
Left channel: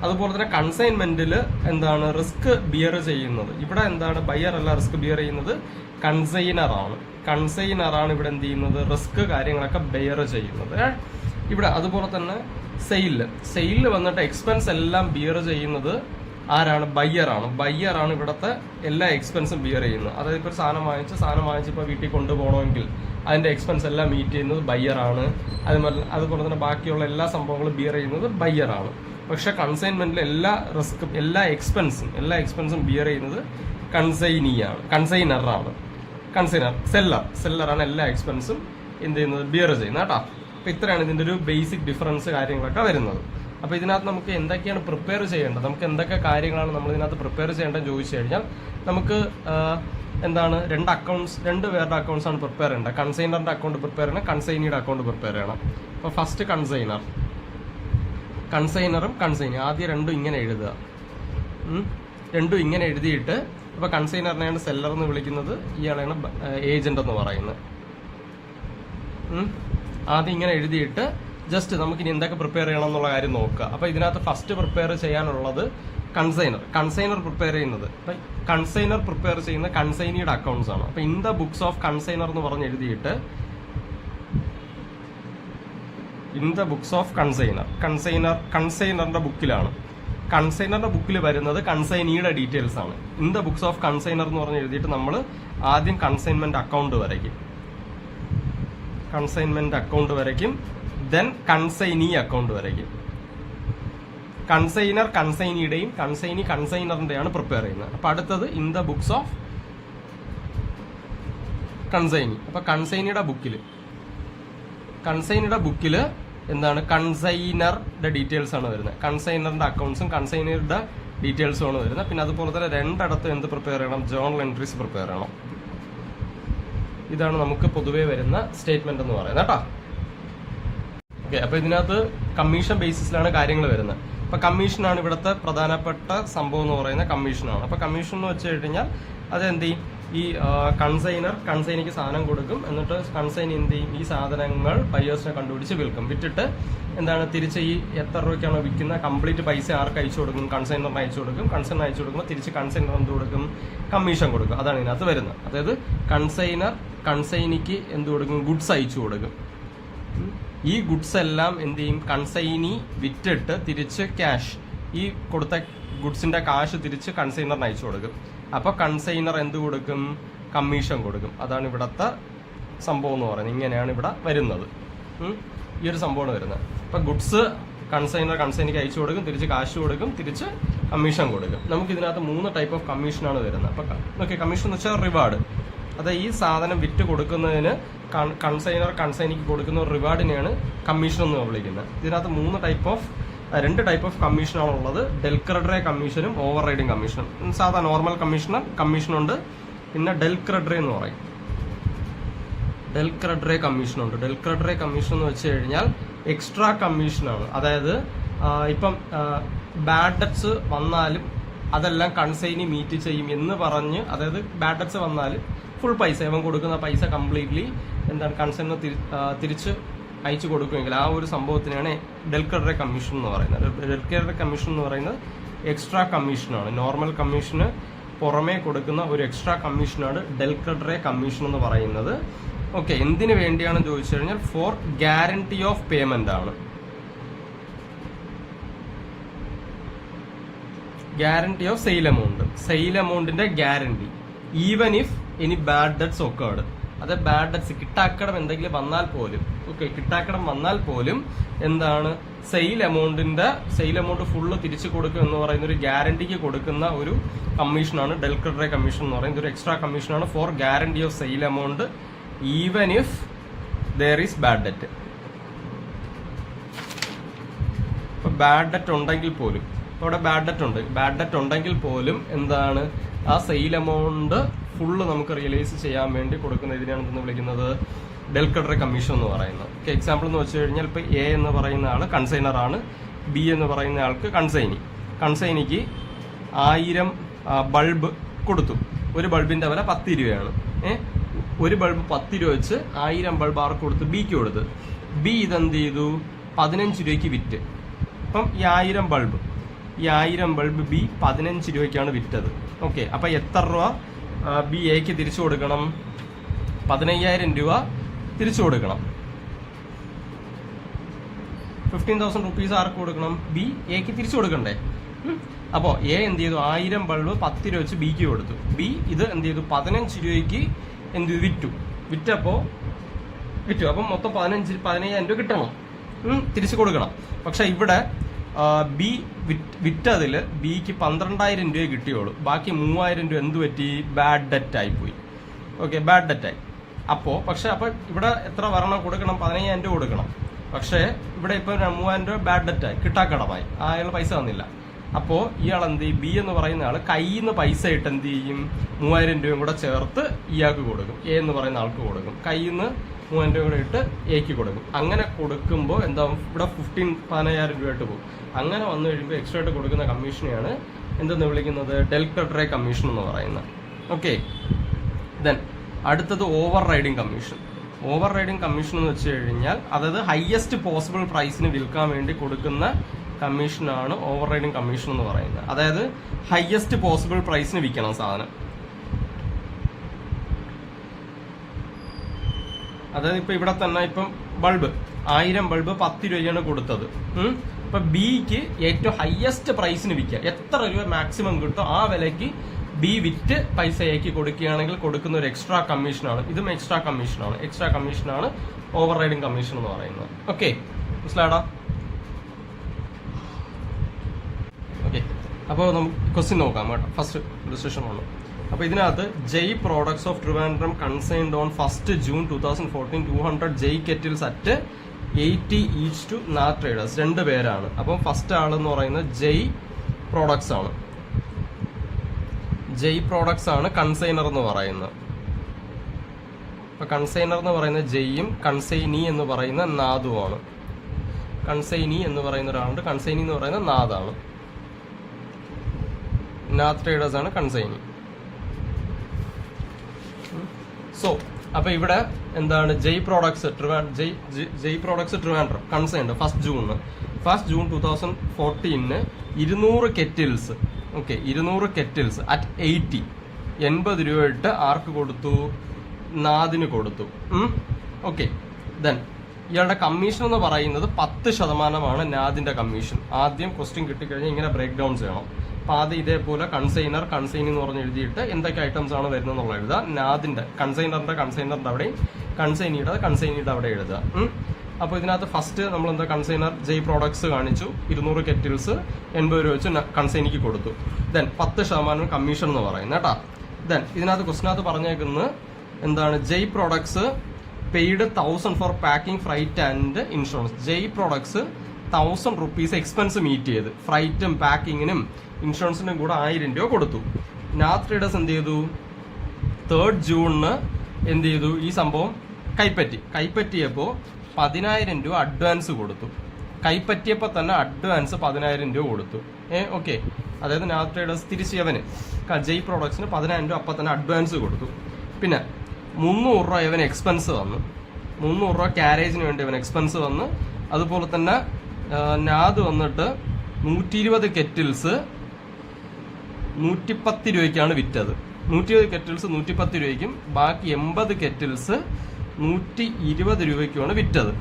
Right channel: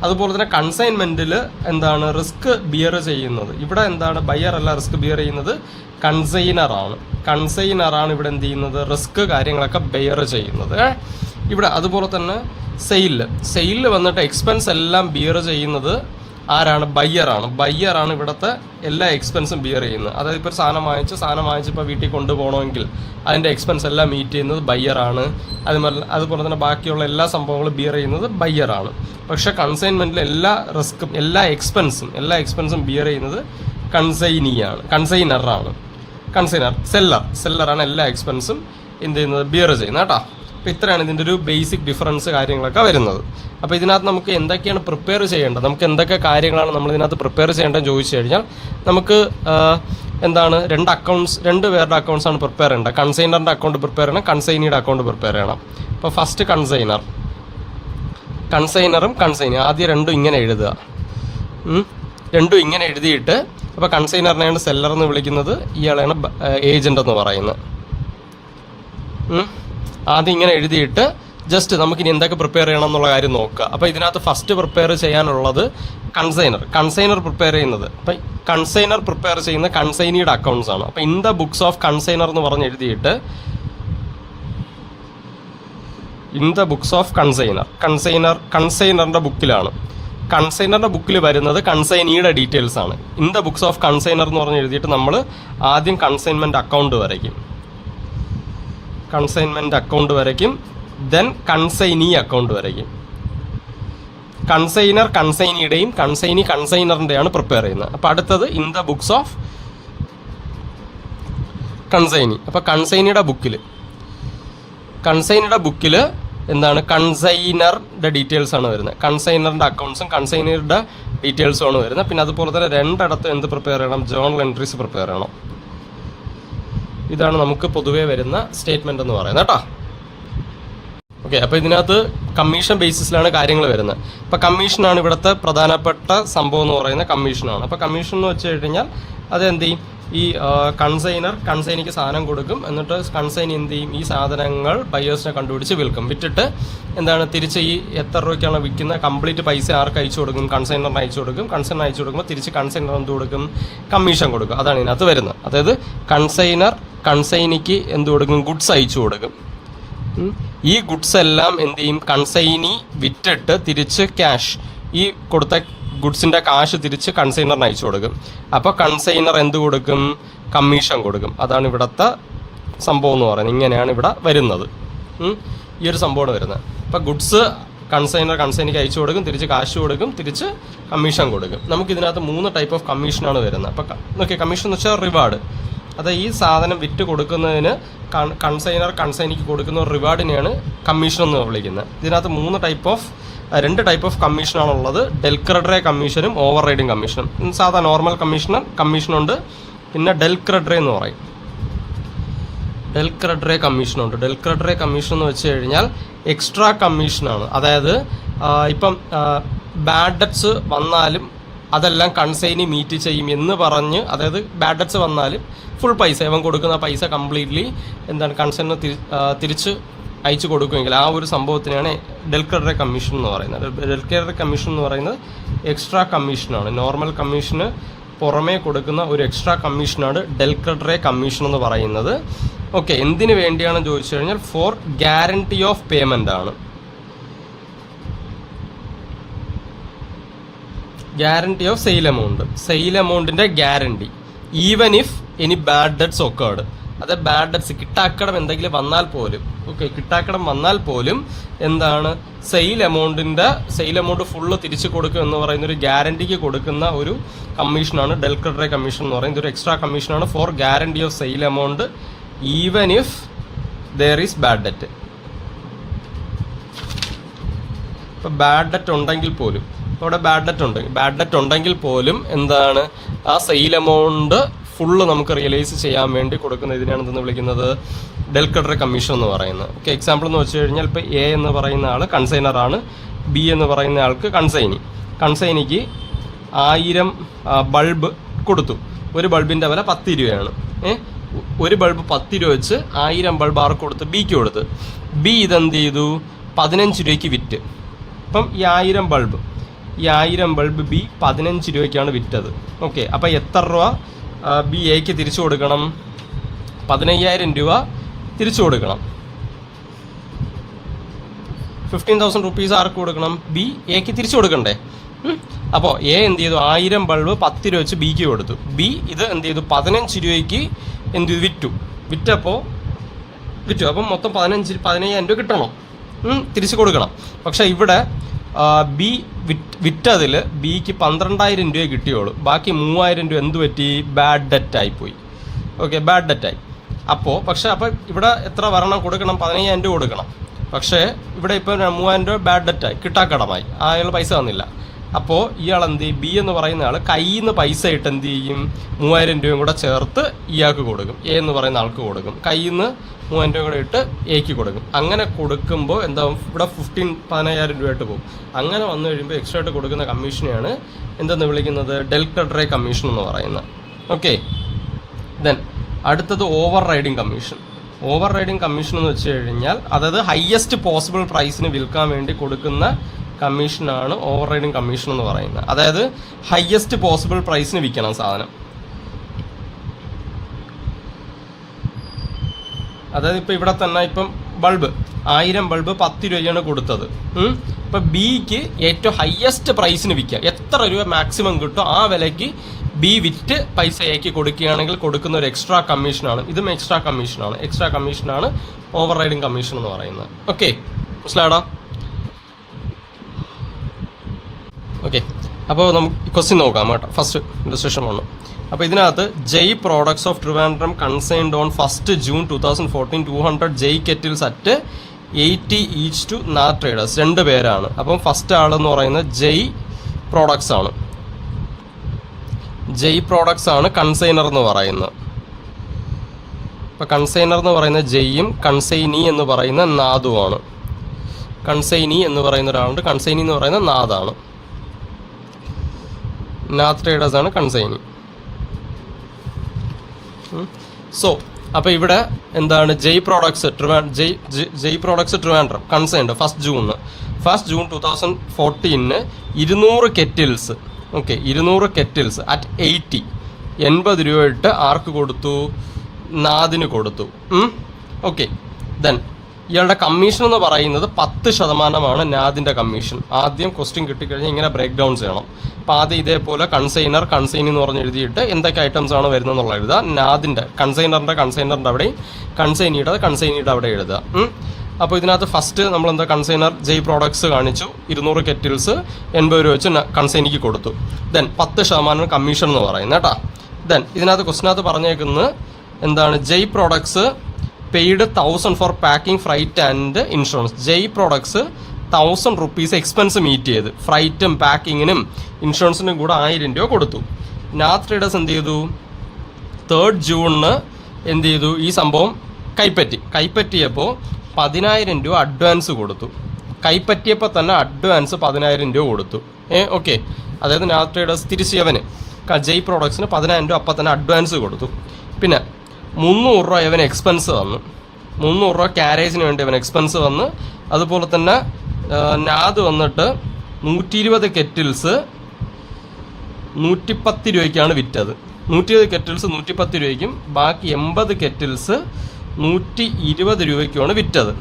അതുപോലെ തന്നെ കൺസൈൻമെന്റിൽ എന്താണ്, റിസ്ക് ബിയർ ചെയ്യുന്നത് ഇവിടെ എന്താണ്, ബയ്യർ അല്ല റിസ്ക് ബിയർ ചെയ്യുന്നത്, കൺസൈനറാണ് ഇവിടെ എന്ത് ചെയ്യുന്നത്, റിസ്ക് കാര്യങ്ങളൊക്കെ ബെയർ ചെയ്യുന്നത് ഇവിടെ. അതുപോലെ തന്നെ സെയിലിൽ വന്നിട്ട് എക്സ്പെൻസ് എല്ലാം ബിയർ ചെയ്യുന്നത് ആരാണ്? ബയ്യറാണ് ഇവിടുത്തെ എല്ലാ എക്സ്പെൻസും ബിയർ ചെയ്യുന്നത്. അതായത് ഇപ്പോൾ സാധനം വാങ്ങിച്ച് ഇപ്പോൾ വീട്ടിൽ കൊണ്ടുപോകണമെങ്കിൽ അതിൻ്റെ എക്സ്പെൻസ് എല്ലാം മീറ്റ് ചെയ്യുന്നത് ബയ്യറാണ്. അതുപോലെ തന്നെ ബാക്കിയുള്ള എല്ലാ സംഭവങ്ങളും ബിയർ ചെയ്യുന്നത് ബയ്യറാണ്. പക്ഷേ കൺസൈൻമെൻറ്റിൽ എല്ലാ റിസ്ക്കും എല്ലാ എക്സ്പെൻസും ബിയർ ചെയ്യുന്നത് സെല്ലറാണ് എല്ലാ എക്സ്പെൻസും എന്ത് ചെയ്യുന്നത്, ബിയർ ചെയ്യുന്നത് കേട്ടോ. അപ്പോൾ ഇത്രയാണ് ഇതിൻ്റെ ഒരു ബേസിക് ഡിഫറൻസ് കാര്യങ്ങളൊക്കെ വരുന്നത്. അപ്പോൾ ഇതിനകത്ത് നമുക്ക് എന്തൊക്കെയാണ് പ്രിപ്പയർ ചെയ്യേണ്ടത്, നമുക്ക് എന്തൊക്കെ കാര്യങ്ങളാണ് നമ്മൾ ഇതിനകത്ത് പ്രിപ്പയർ ചെയ്യേണ്ടതെന്ന് ചോദിച്ചു കഴിഞ്ഞാൽ നമുക്ക് എന്താണ് രണ്ട് പേരുടെ അക്കൗണ്ട്സാണ് പ്രിപ്പയർ ചെയ്യേണ്ടത്. കൺസൈനറിൻ്റെ അക്കൗണ്ട് പ്രിപ്പയർ ചെയ്യണം, കൺസൈനിയുടെ അക്കൗണ്ട് പ്രിപ്പയർ ചെയ്യണം. അപ്പോൾ ഫസ്റ്റ് കൺസൈനറും കൺസൈനി ആദ്യം രണ്ടും ഇങ്ങനെ എഴുതുക. രണ്ടും ഇങ്ങനെ എഴുതിയിട്ട് അപ്പോൾ കൺസൈനറിനെയാണ് സെല്ലർ എന്ന് വിളിക്കുന്നത്, ഇയാളെയാണ് ഏജൻ്റ് എന്ന് പറയുന്നത്. ആദ്യം ഇങ്ങനെ എഴുതിയിട്ട് ജസ്റ്റ് നമുക്കിനി എന്തൊക്കെ പ്രിപ്പയർ ചെയ്യണം എന്നുള്ള കാര്യം നോക്കുക. അപ്പോൾ ഇതിനകത്ത് ഫസ്റ്റ് പ്രിപ്പയർ ചെയ്യാനുള്ളത് കൺസൈനർ പ്രിപ്പയർ ചെയ്യുന്നത്. അപ്പം കൺസൈനർ പ്രിപ്പയർ ചെയ്യുന്ന കൺസൈനിയുടെ അക്കൗണ്ട്സ് ആണ്. അപ്പോൾ in the books of consignor എന്ന് പറഞ്ഞ് എഴുതിയിട്ട് ഇൻ ദ ബുക്സ് ഓഫ് കൺസൈനറിൻ്റെ ബുക്കിലാണ്. കൺസൈനറിൻ്റെ ബുക്കിൽ വരുന്നത് കൺസൈനിയുടെ ഡീറ്റെയിൽസ് ആണ്. In the books of consignor എന്ന് പറഞ്ഞ് എഴുതിയിട്ട് നമ്മൾ ആദ്യം കൺസൈൻമെൻറ്റ് അക്കൗണ്ട് വരയ്ക്കും, ദെൻ കൺസൈനി അക്കൗണ്ട് വരയ്ക്കും. കൺസൈനർ കൺസൈനിയുടെയും കൺസൈനി കൺസൈനറിൻ്റെയാണ് പ്രിപ്പയർ ചെയ്യുന്നത്. അപ്പോൾ അടുത്തത് in the books of consignee. അപ്പോൾ കൺസൈനിയുടെ ബുക്കിൽ എന്താണ് കൺസൈനറുടെ ഡീറ്റെയിൽസ് ആണ് വരുന്നത്. കൺസൈനറിൻ്റെ അക്കൗണ്ട്സും കൺസൈനറുടെ ഡീറ്റെയിൽസും ആണ് വരുന്നത്. പിന്നെ അതുപോലെ തന്നെ രണ്ടിടത്തും എന്ത് പ്രിപ്പയർ ചെയ്യണം, ജേർണൽ എൻട്രീസ് പ്രിപ്പയർ ചെയ്യണം. ഇതാണ് നമുക്ക് പൊതുവേ വരുന്ന സ്റ്റേറ്റ്മെന്റ് എന്ന് പറയുന്നത് കേട്ടോ. ഓക്കെ, അപ്പോൾ ഇതിനകത്ത് കമ്മീഷൻ ബേസിസിലാണ് കാര്യങ്ങൾ വരുന്നത്. അപ്പോൾ കമ്മീഷനാണ് ഇവിടുത്തെ പ്രധാനപ്പെട്ട സംഭവം എന്ന് പറയുന്നത് കമ്മീഷനാണ്. അപ്പോൾ കമ്മീഷൻ എന്ന് വെച്ച് കഴിഞ്ഞാൽ അത് എന്ത് ചെയ്യും, ഈ കൺസൈനിക്ക് സാധനം കൊടുക്കും, എന്നിട്ട് കൺസൈനി എന്ത് ചെയ്യും, ഈ സാധനങ്ങൾ ബയേഴ്സിനെ കണ്ടുപിടിച്ച് വിറ്റിട്ട് എന്താണ് തിരിച്ച് ഈ എത്ര രൂപയ്ക്കാണ് വിൽക്കുന്നത് കംപ്ലീറ്റ് പൈസ ആർക്ക് അയച്ചു കൊടുക്കും, കൺസൈനറിന് അയച്ചു കൊടുക്കുമ്പോൾ തിരിച്ച് കൺസൈനർ എന്ത് കൊടുക്കും, കമ്മീഷൻ കൊടുക്കും. അതാണ് ഇതിനകത്ത് വരുന്നത്. അതായത് കൺസൈനിക്ക് എന്ത് കൊടുക്കും, ഗുഡ്സ് അയച്ചു കൊടുക്കും. ഈ ഗുഡ്സ് എല്ലാം എന്ത് ചെയ്യും, കൺസൈനി വിറ്റിട്ട് തിരിച്ച് ക്യാഷ്, ഈ കൊടുത്ത ഗുഡ്സിൻ്റെ കാശ് തിരിച്ച് കൺസൈനറിന് അയച്ചു കൊടുക്കും. അപ്പോൾ കൺസൈനർ എന്ത് കൊടുക്കും, കമ്മീഷൻ കൊടുക്കും. അതാണ് ഇവിടുത്തെ സംഭവം എന്ന് പറയുന്നത്. ഇങ്ങനെയാണ് ഇവിടെ വരുന്നത്. ഈ ഒരു സംഭവമാണ് വരുന്നത്. അപ്പോൾ ഗുഡ്സ് കൺസൈനിക്ക് അയച്ചു കൊടുക്കും, തിരിച്ച് കാശ് കൊടുക്കും, തിരിച്ച് കമ്മീഷൻ കൊടുക്കും. നമുക്കിതിനകത്ത് 3 ടൈപ്പ് ഓഫ് കമ്മീഷനാണ് വരുന്നത്. അപ്പോൾ നോക്കിയാൽ കമ്മീഷൻ എന്ന് വെച്ചാൽ റിവാർഡ്. അത് ഈ സാധനം വിറ്റ് കൊടുക്കുന്നതിന് കൺസൈനിക്ക് കൊടുക്കുന്ന റിവാർഡിനെയാണ് കമ്മീഷൻ എന്ന് വിളിക്കുന്നത്. ഇതിനകത്ത് 2 ടൈപ്പ് ഓഫ് കമ്മീഷനാണുള്ളത്. ഡെൽ ക്രെഡറെ കമ്മീഷനും ഓവർ റൈഡിങ് കമ്മീഷനും. സാധാ നോർമൽ കമ്മീഷനുണ്ട്, പിന്നെ ഡെൽ ക്രെഡറെ എന്ന് പറയും. ഡെൽ ക്രെഡറെ കമ്മീഷൻ എന്ന് വെച്ച് കഴിഞ്ഞാൽ എക്സ്ട്രാ കമ്മീഷനാണ്. അതായത് ഇപ്പം ബാഡ് ഡെറ്റ്സ് വന്നാലും അതെല്ലാം കൺസൈനി മീറ്റ് ചെയ്യും എന്ന് പറഞ്ഞ്, അതായത് ബാഡ് ഡെറ്റ്സ് വന്നാലും ഫുൾ പൈസ ഇവൻ കൊടുക്കുന്ന പൈസ കംപ്ലീറ്റ്ലി എന്താണ് കൺസൈനിന് തിരിച്ച് അയച്ചു കൊടുക്കുമെങ്കിൽ ആ ഒരു സംഭവത്തിനാണ് ഡെൽ ക്രെഡറെ കമ്മീഷൻ എന്ന് പറയുന്നത്. ഡെൽ ക്രെഡറെ കമ്മീഷൻ എന്ന് പറയുന്നത് എക്സ്ട്രാ കമ്മീഷനാണ്. നോർമൽ കമ്മീഷന് പുറമേ കൊടുക്കുന്ന ഒരു എക്സ്ട്രാ കമ്മീഷനാണ് ഡെൽ ക്രെഡറെ കമ്മീഷൻ എന്ന് പറയുന്നത്. ഓക്കെ, എന്തിനു വേണ്ടിയാണെന്ന് ചോദിച്ചു കഴിഞ്ഞാൽ ഫോർ ഗ്യാരണ്ടി ഓഫ് പേയ്മെൻ്റ് ആണ്. ഗ്യാരണ്ടി ഓഫ് സെയിൽ എമൗണ്ടിൻ്റെ guarantee, even if any bad debts occurred. അത് ബാഡ് ഡെറ്റ്സ് കിട്ടാക്കടം എന്തെങ്കിലും വന്നാൽ പോലും, കിട്ടാക്കടം വന്നാൽ പോലും എന്താണ് സെയിൽ എമൗണ്ട് ഫുള്ള് തിരിച്ചു കൊടുക്കും എന്ന് പറയുന്ന ഒരു ഗ്യാരണ്ടിക്ക് കൊടുക്കുന്ന ഒരു കമ്മീഷനാണ് ഡെൽ ക്രെഡറെ കമ്മീഷൻ എന്ന് പറയുന്നത്. ഒരു എക്സ്ട്രാ കമ്മീഷനാണ് for guarantee of sale amount even if there is bad debt. ഇപ്പോൾ ബാഡ് ഡെറ്റ് ഉണ്ടെങ്കിൽ പോലും, അവിടെ ബാഡ് ഡെറ്റ് ഉണ്ടെങ്കിൽ പോലും എന്താണ് ആ സെയിൽ എമൗണ്ട് ഫുള്ള് നമുക്ക് റിയലൈസ് ചെയ്യാൻ വേണ്ടി കൊടുക്കുന്ന ഇതിനാണ് എന്തെന്ന് വിളിക്കുന്നത്, ഡെൽ ക്രെഡറെ കമ്മീഷൻ എന്ന് പറയുന്നത്. ഓക്കെ, എക്സാമ്പിൾ എന്ന് വെച്ച് കഴിഞ്ഞാൽ ഇപ്പോൾ എ എന്ന് പറയുന്ന ആൾ കൺസൈനറാണ്, ബി എന്ന് പറയുന്ന ആൾക്ക് കൺസൈനിക്ക് 1000 ബൾബ് കൊടുത്തു. ഒരു ബൾബിൻ്റെ വില 10 രൂപയാണ്. ഒരു ബൾബ് 10 രൂപ വെച്ച് 1000 ബൾബ് ആർക്ക് കൊടുത്ത്, ബിക്ക് കൊടുത്ത്. ബി ഇതെന്ത് ചെയ്തു, 15 രൂപയ്ക്ക് വിറ്റ്. അപ്പം ഈ 1000 ബൾബ് ബി 15 രൂപയ്ക്കാണ് വിറ്റത്. ഓക്കെ, അപ്പോൾ എത്ര രൂപ ബി എക്ക് തിരിച്ചു കൊടുക്കണം, 15,000 രൂപ തിരിച്ചു കൊടുക്കണം. 15,000 റുപ്പീസ് ആർക്ക് കൊടുക്കണം, ബി എക്ക് തിരിച്ചു കൊടുക്കണ്ടേ. അപ്പോൾ എ എന്ത് ചെയ്തു, 1000 ബൾബ് 10 രൂപ വെച്ച് ബിക്ക് കൊടുത്തു. ബി ഇത് എന്ത് ചെയ്തു, 15 രൂപയ്ക്ക് എന്ത് ചെയ്തു, വിറ്റപ്പോൾ അപ്പം മൊത്തം 15,000 രൂപ കിട്ടണം, തിരിച്ചു കൊടുക്കണം. പക്ഷെ ഇവിടെ ബി വിറ്റതിൽ ബിക്ക് 12,000 രൂപ കിട്ടിയോളൂ. ബാക്കി 3,000 രൂപ എന്ത് പറ്റി, ബാഡ് ഡെറ്റ് ആയിപ്പോയി. ഓക്കെ, ബാഡ് ഡെറ്റായി. അപ്പോൾ ഇവിടെ എത്ര കൊടുക്കണം, 15,000 രൂപ കൊടുക്കണം. പക്ഷേ ഇവിടെ ഇപ്പോൾ 3000 രൂപ ബാഡ് ഡെറ്റായി, കിട്ടാക്കടമായി, അയാൾ പൈസ തന്നില്ല. അപ്പോൾ ഇയാൾ എന്ത് ചെയ്യും, ബി എന്ന് പറയുന്ന ആൾ കയ്യിൽ നിന്ന് പൈസ ഇട്ട് എന്ത് ചെയ്യും, 3000 രൂപയും കൂടെ ചേർത്ത് ഇയാൾക്ക് കൊടുക്കും, എ എന്ന് പറയുന്ന ആൾക്ക് കൊടുക്കും. കയ്യിൽ നിന്ന് 3000 രൂപ കൂടെ ഇട്ട് എക്ക് കൊടുക്കും. അങ്ങനെ കൊടുക്കുമ്പോൾ എന്താ, ഇവിടെ 15,000 രൂപയായിട്ട് പോകും. അങ്ങനെ വന്നു കഴിയുമ്പോൾ എക്സ്ട്രാ ആയിട്ട് കൊടുക്കുന്ന കമ്മീഷനെയാണ് എന്തെന്ന് വിളിക്കുന്നത്, ഡെൽറ്റ കമ്മീഷൻ എന്ന് പറയുന്നത്. ഓക്കെ, ദെൻ അടുത്തത് over riding commission. Over riding commission എന്ന് വെച്ച് കഴിഞ്ഞാൽ അതായത് ഹയസ്റ്റ് പോസിബിൾ പ്രൈസിന് വിൽക്കാൻ വേണ്ടി കൊടുക്കുന്ന കമ്മീഷനാണ് ഓവർ റൈഡിങ് കമ്മീഷൻ എന്ന് പറയുന്നത്. അതായത് ഹയസ്റ്റ് പോസിബിൾ പ്രൈസിന് വിൽക്കണം സാധനം. അതായത് ഇപ്പം ഇവിടെ തന്നെ ഇപ്പം ബൾബ് 1000 ബൾബ് 10 രൂപയാണ് കൊടുത്തത്. ഇപ്പം ബിക്ക് ഏറ്റവും ഹയസ്റ്റ് പ്രൈസിന് വിൽക്കുക, എത്ര രൂപ മാക്സിമം കിട്ടും ആ വിലയ്ക്ക് ബി വിറ്റ് പൈസ എക്ക് കൊടുക്കുകയാണെങ്കിൽ കൊടുക്കുന്ന ഒരു എക്സ്ട്രാ കമ്മീഷനാണ്. ഇതും എക്സ്ട്രാ കമ്മീഷനാണ് ഓവർ റൈഡിങ് കമ്മീഷൻ എന്ന് പറയുന്നത്. ഓക്കെ, മനസ്സിലായടാ? ഓക്കെ, അപ്പോൾ നമുക്ക് ക്വസ്റ്റ്യൻ നോക്കാം കേട്ടോ. First illustration 1. അപ്പോൾ ഇതിനകത്ത് Jay products of Trivandrum consigned on 1 June 2014 200 Jay kettles at 80 each to Nath traders. 2 പേരാണ്. അപ്പം ഫസ്റ്റ് ആളെന്ന് പറയുന്നത് ജയ് പ്രോഡക്ട്സ് ആണ്. ജയ് പ്രോഡക്ട്സ് ആണ് കൺസൈനർ എന്ന് പറയുന്നത്. അപ്പോൾ കൺസൈനർ എന്ന് പറയുന്ന ജയ്യും കൺസൈനി എന്ന് പറയുന്ന നാദുമാണ്. കൺസൈനി എന്ന് പറയുന്ന ഒരാളുണ്ട്, കൺസൈനി എന്ന് പറയുന്ന നാദാണ്. നാദ് ട്രേഡേഴ്സ് ആണ് കൺസൈനി. സോ അപ്പോൾ ഇവിടെ എന്താണ്, Jay products Trivandrum consigned 1 June 2014 200 kettles. Okay, 200 kettles at 80 രൂപ ഇട്ട് ആർക്ക് കൊടുത്തു, നാദിന് കൊടുത്തു. ഓക്കെ, ദെൻ ഇയാളുടെ കമ്മീഷൻ എന്ന് പറയുന്നത് 10% നാദിൻ്റെ കമ്മീഷൻ. ആദ്യം ക്വസ്റ്റ്യൻ കിട്ടിക്കഴിഞ്ഞാൽ ഇങ്ങനെ ബ്രേക്ക് ഡൗൺ ചെയ്യണം. അപ്പോൾ ആദ്യം ഇതേപോലെ കൺസൈനി എന്ന് പറഞ്ഞ് എഴുതിയിട്ട് എന്തൊക്കെ ഐറ്റംസ് ആണ് വരുന്നത് എന്നുള്ള എഴുതുക. നാദിൻ്റെ കൺസൈനറിൻ്റെ അവിടെ, കൺസൈനിയുടെ അവിടെ എഴുതുക. അപ്പോൾ ഇതിനകത്ത് ഫസ്റ്റ് നമ്മൾ എന്താ, കൺസൈനർ ജയ് പ്രോഡക്ട്സ് കാണിച്ചു, 200 കെറ്റിൽസ് 80 രൂപ വെച്ച് കൺസൈനിക്ക് കൊടുത്തു. ദെൻ 10% കമ്മീഷൻ എന്ന് പറയുന്നത് കേട്ടോ. ദെൻ ഇതിനകത്ത് ക്വസ്റ്റിനകത്ത് പറഞ്ഞേക്കുന്നത് എന്താണ്, Jay products paid 1000 for packing, freight and insurance. Jay products 1000 rupees expense meet ചെയ്ത് ഫ്രൈറ്റും പാക്കിങ്ങിനും ഇൻഷുറൻസിനും കൂടെ 1000 രൂപ കൊടുത്തു. നാദ് ട്രേഡേഴ്സ് എന്ത് ചെയ്തു, 3 ജൂണിന് എന്ത് ചെയ്തു, ഈ സംഭവം കൈപ്പറ്റിയപ്പോൾ 10,000 രൂപ അഡ്വാൻസ് കൊടുത്തു. കൈപ്പറ്റിയപ്പോൾ തന്നെ അഡ്വാൻസ് 10,000 രൂപ കൊടുത്തു. ഓക്കെ, അതായത് നാദ് ട്രേഡേഴ്സ് തിരിച്ച് അവന് ജയ് പ്രോഡക്ട്സിന് 10,000 രൂപ അപ്പം തന്നെ അഡ്വാൻസ് കൊടുത്തു. പിന്നെ 300 രൂപ ഇവന് എക്സ്പെൻസ് വന്നു, 300 രൂപ ക്യാരേജിന് വേണ്ടി ഇവൻ എക്സ്പെൻസ് വന്ന്. അതുപോലെ തന്നെ നാദ് വന്നിട്ട് 120 കെറ്റിൽസ് 110 രൂപയ്ക്കാണ് വിറ്റത്. 120 കെറ്റിൽസ് 110 രൂപയ്ക്കും ബാക്കി 80 കെറ്റിൽസ് 120 രൂപയ്ക്കുമാണ് വിറ്റത്.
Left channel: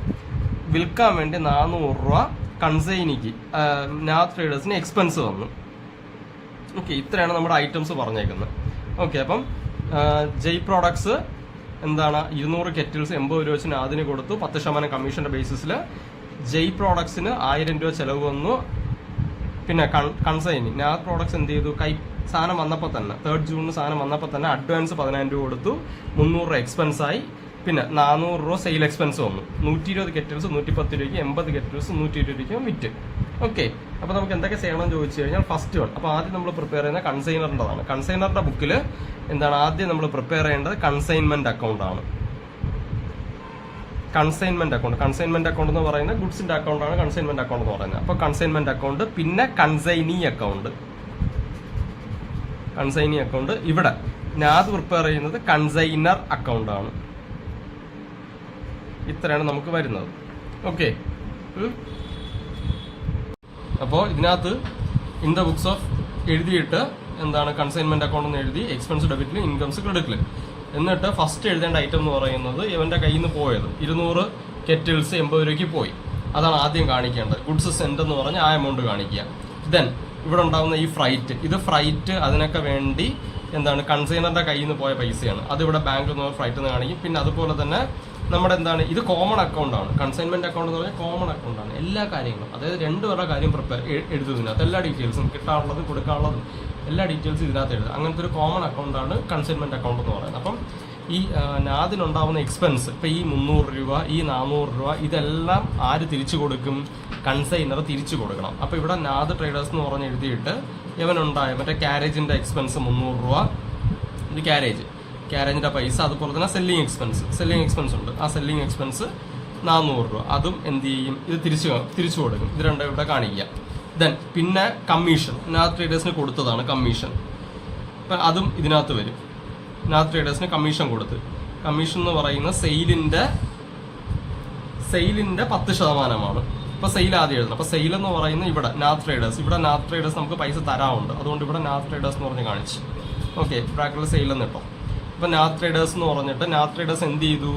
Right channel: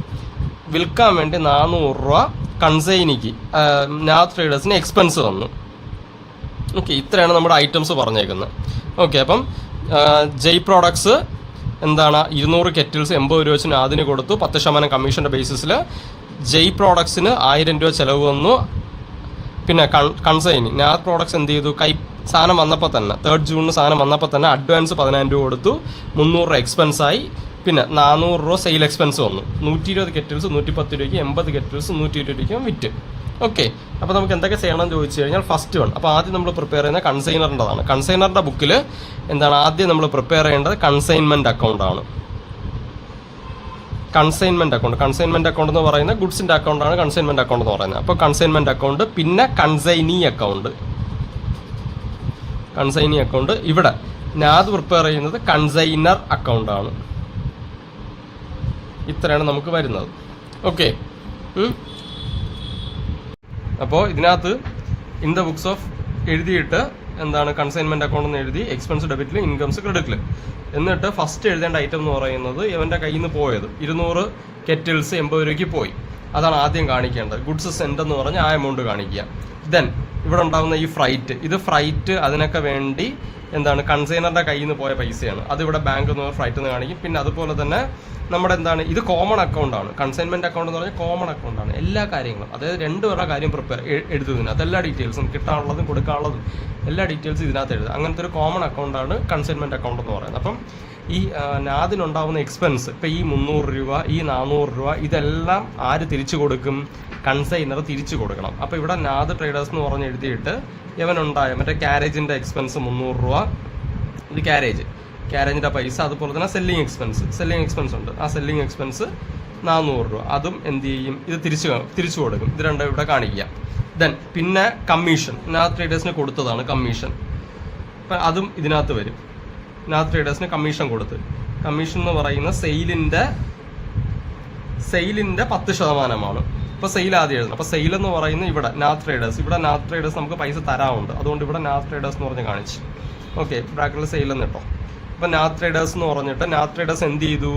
വിൽക്കാൻ വേണ്ടി 400 രൂപ കൺസൈനിക്ക് നാദ് ട്രേഡേഴ്സിന് എക്സ്പെൻസ് വന്നു. ഓക്കെ, ഇത്രയാണ് നമ്മുടെ ഐറ്റംസ് പറഞ്ഞേക്കുന്നത്. ഓക്കെ, അപ്പം ജയ് പ്രോഡക്ട്സ് എന്താണ്, 200 കെറ്റിൽസ് 80 രൂപ വെച്ച് നാദിന് കൊടുത്തു, 10% കമ്മീഷൻ്റെ ബേസിസിൽ. ജയ് പ്രോഡക്ട്സിന് 1000 രൂപ ചിലവ് വന്നു. പിന്നെ കൺസൈനി നാദ് പ്രോഡക്ട്സ് എന്ത് ചെയ്തു, സാധനം വന്നപ്പോൾ തന്നെ 3 ജൂണിന് സാധനം വന്നപ്പോൾ തന്നെ അഡ്വാൻസ് 10,000 രൂപ കൊടുത്തു, 300 രൂപ എക്സ്പെൻസായി. പിന്നെ 400 രൂപ സെയിൽ എക്സ്പെൻസ് വന്നു. 120 കെറ്റിൽസ് 110 രൂപയ്ക്ക്, 80 കെറ്റിൽസ് 120 രൂപയ്ക്ക് വിറ്റ്. ഓക്കെ, അപ്പോൾ നമുക്ക് എന്തൊക്കെ ചെയ്യണമെന്ന് ചോദിച്ചു കഴിഞ്ഞാൽ ഫസ്റ്റ് വൺ. അപ്പോൾ ആദ്യം നമ്മൾ പ്രിപ്പയർ ചെയ്യുന്നത് കൺസൈനറിൻ്റെതാണ്. കൺസൈനറിൻ്റെ ബുക്കിൽ എന്താണ് ആദ്യം നമ്മൾ പ്രിപ്പയർ ചെയ്യേണ്ടത്, കൺസൈൻമെൻറ്റ് അക്കൗണ്ടാണ്. കൺസൈൻമെൻറ്റ് അക്കൗണ്ട് എന്ന് പറയുന്നത് ഗുഡ്സിൻ്റെ അക്കൗണ്ടാണ് കൺസൈൻമെൻറ്റ് അക്കൗണ്ട് എന്ന് പറയുന്നത്. അപ്പോൾ കൺസൈൻമെൻറ്റ് അക്കൗണ്ട്, പിന്നെ കൺസൈനി അക്കൗണ്ട്. ഇവിടെ നാദ് പ്രിപ്പയർ ചെയ്യുന്നത് കൺസൈനർ അക്കൗണ്ടാണ്. ഇത്രയാണ് നമുക്ക് വരുന്നത്. ഓക്കെ, അപ്പോൾ ഇതിനകത്ത് ഇൻ ദ ബുക്സ് ഓഫ് എഴുതിയിട്ട് എന്താണ് കൺസൈൻമെൻറ്റ് അക്കൗണ്ട് എന്ന് എഴുതി, എക്സ്പെൻസ് ഡെബിറ്റിൽ, ഇൻകംസ് ക്രെഡിറ്റിൽ. എന്നിട്ട് ഫസ്റ്റ് എഴുതേണ്ട ഐറ്റം എന്ന് പറയുന്നത് ഇവൻ്റെ കയ്യിൽ നിന്ന് പോയത് 200 കെറ്റിൽസ് 80 രൂപയ്ക്ക് പോയി. അതാണ് ആദ്യം കാണിക്കേണ്ടത്. ഗുഡ്സ് സെൻഡ് എന്ന് പറഞ്ഞ് ആ എമൗണ്ട് കാണിക്കുക. ദെൻ ഇവിടെ ഉണ്ടാകുന്ന ഈ ഫ്രൈറ്റ് അതിനൊക്കെ വേണ്ടി എന്താണ് കൺസൈനറിൻ്റെ കയ്യിൽ നിന്ന് പോയ പൈസയാണ്. അതിവിടെ ബാങ്കിൽ നിന്ന് ഫ്രൈറ്റ് നിന്ന് കാണിക്കും. പിന്നെ അതുപോലെ തന്നെ നമ്മുടെ എന്താണ്, ഇത് കോമൺ അക്കൗണ്ടാണ്. കൺസൈൻമെൻറ്റ് അക്കൗണ്ട് എന്ന് പറഞ്ഞാൽ കോമൺ അക്കൗണ്ടാണ്. എല്ലാ കാര്യങ്ങളും, അതായത് 2 പേരുടെ കാര്യം എഴുതുന്നതിനകത്ത് എല്ലാ ഡീറ്റെയിൽസും, കിട്ടാനുള്ളതും കൊടുക്കാനുള്ളതും എല്ലാ ഡീറ്റെയിൽസും ഇതിനകത്ത് എഴുതുക. അങ്ങനത്തെ ഒരു കോമൺ അക്കൗണ്ടാണ് കൺസൈൻമെൻറ്റ് അക്കൗണ്ട് എന്ന് പറയുന്നത്. അപ്പം ഈ നാദിനുണ്ടാവുന്ന എക്സ്പെൻസ്, ഇപ്പം ഈ 300 രൂപ, ഈ 400 രൂപ, ഇതെല്ലാം ആര് തിരിച്ചു കൊടുക്കും? കൺസൈനർ തിരിച്ചു കൊടുക്കണം. അപ്പോൾ ഇവിടെ നാദ് ട്രേഡേഴ്സ് എന്ന് പറഞ്ഞ് എഴുതിയിട്ട് ഇവനുണ്ടായ മറ്റേ ക്യാരേജിൻ്റെ എക്സ്പെൻസ് 300 രൂപ, ഇത് ക്യാരേജിൻ്റെ പൈസ, അതുപോലെ തന്നെ സെല്ലിങ് എക്സ്പെൻസ് ഉണ്ട്. ആ സെല്ലിങ് എക്സ്പെൻസ് 400 രൂപ, അതും എന്ത് ചെയ്യും? ഇത് തിരിച്ചു കൊടുക്കും. ഇത് രണ്ടും ഇവിടെ കാണിക്കുക. ദെൻ പിന്നെ കമ്മീഷൻ, നാദ് ട്രേഡേഴ്സിന് കൊടുത്തതാണ് കമ്മീഷൻ. അപ്പം അതും ഇതിനകത്ത് വരും. നാദ് ട്രേഡേഴ്സിന് കമ്മീഷൻ കൊടുത്ത്, കമ്മീഷൻ എന്ന് പറയുന്ന സെയിലിൻ്റെ 10%. ഇപ്പോൾ സെയിൽ ആദ്യം എഴുതണം. അപ്പോൾ സെയിൽ എന്ന് പറയുന്നത് ഇവിടെ നാദ് ട്രേഡേഴ്സ് നമുക്ക് പൈസ തരാറുണ്ട്. അതുകൊണ്ട് ഇവിടെ നാദ് ട്രേഡേഴ്സ് എന്ന് പറഞ്ഞ് കാണിച്ചു. ഓക്കെ, ബ്രാക്കറ്റിൽ സെയിൽ എന്ന് കേട്ടോ. അപ്പോൾ നാദ് ട്രേഡേഴ്സ് എന്ന് പറഞ്ഞിട്ട് നാദ് ട്രേഡേഴ്സ് എന്ത് ചെയ്തു?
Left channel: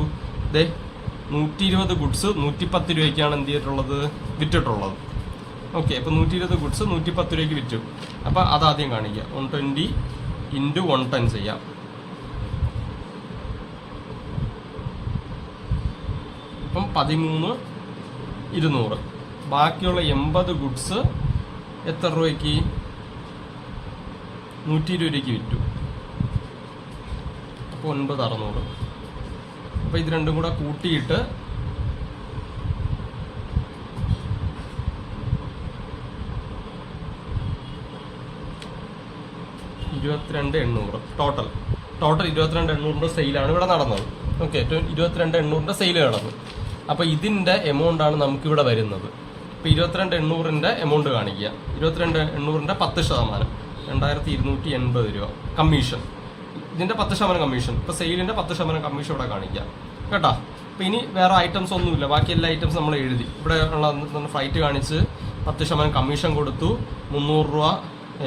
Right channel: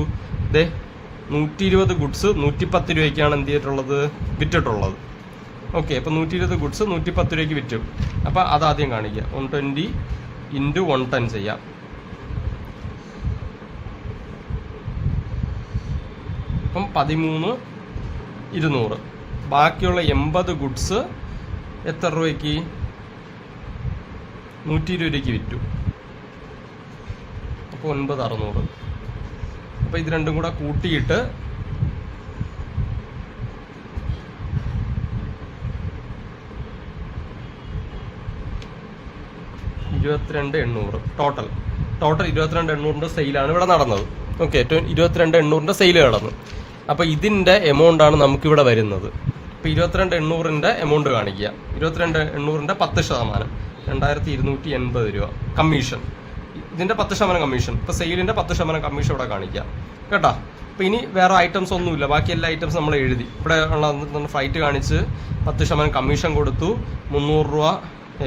120 ഗുഡ്സ് 110 രൂപയ്ക്കാണ് എന്ത് ചെയ്തിട്ടുള്ളത്? വിറ്റിട്ടുള്ളത്. ഓക്കെ, അപ്പോൾ 120 ഗുഡ്സ് 110 രൂപയ്ക്ക് വിറ്റു. അപ്പോൾ അതാദ്യം കാണിക്കുക. 120 × 110 ചെയ്യാം. അപ്പം 13,200. ബാക്കിയുള്ള 80 ഗുഡ്സ് എത്ര രൂപയ്ക്ക്? 120 രൂപയ്ക്ക് വിറ്റു. അപ്പോൾ 9,600. അപ്പോൾ ഇത് രണ്ടും കൂടെ കൂട്ടിയിട്ട് 22,800 ടോട്ടൽ 22,800 സെയിലാണ് ഇവിടെ നടന്നത്. ഓക്കെ, 22,800 സെയിൽ നടന്നു. അപ്പോൾ ഇതിൻ്റെ എമൗണ്ടാണ് നമുക്കിവിടെ വരുന്നത്. ഇപ്പോൾ 22,800 എമൗണ്ട് കാണിക്കുക. 22,800 10%, 2,280 രൂപ കമ്മീഷൻ. ഇതിൻ്റെ 10% കമ്മീഷൻ. ഇപ്പോൾ സെയിലിൻ്റെ 10% കമ്മീഷൻ ഇവിടെ കാണിക്കുക കേട്ടോ. അപ്പോൾ ഇനി വേറെ ഐറ്റംസ് ഒന്നുമില്ല. ബാക്കി എല്ലാ ഐറ്റംസ് നമ്മൾ എഴുതി. ഇവിടെ ഉള്ള ഫ്ലൈറ്റ് കാണിച്ച് 10% കമ്മീഷൻ കൊടുത്തു, 300 രൂപ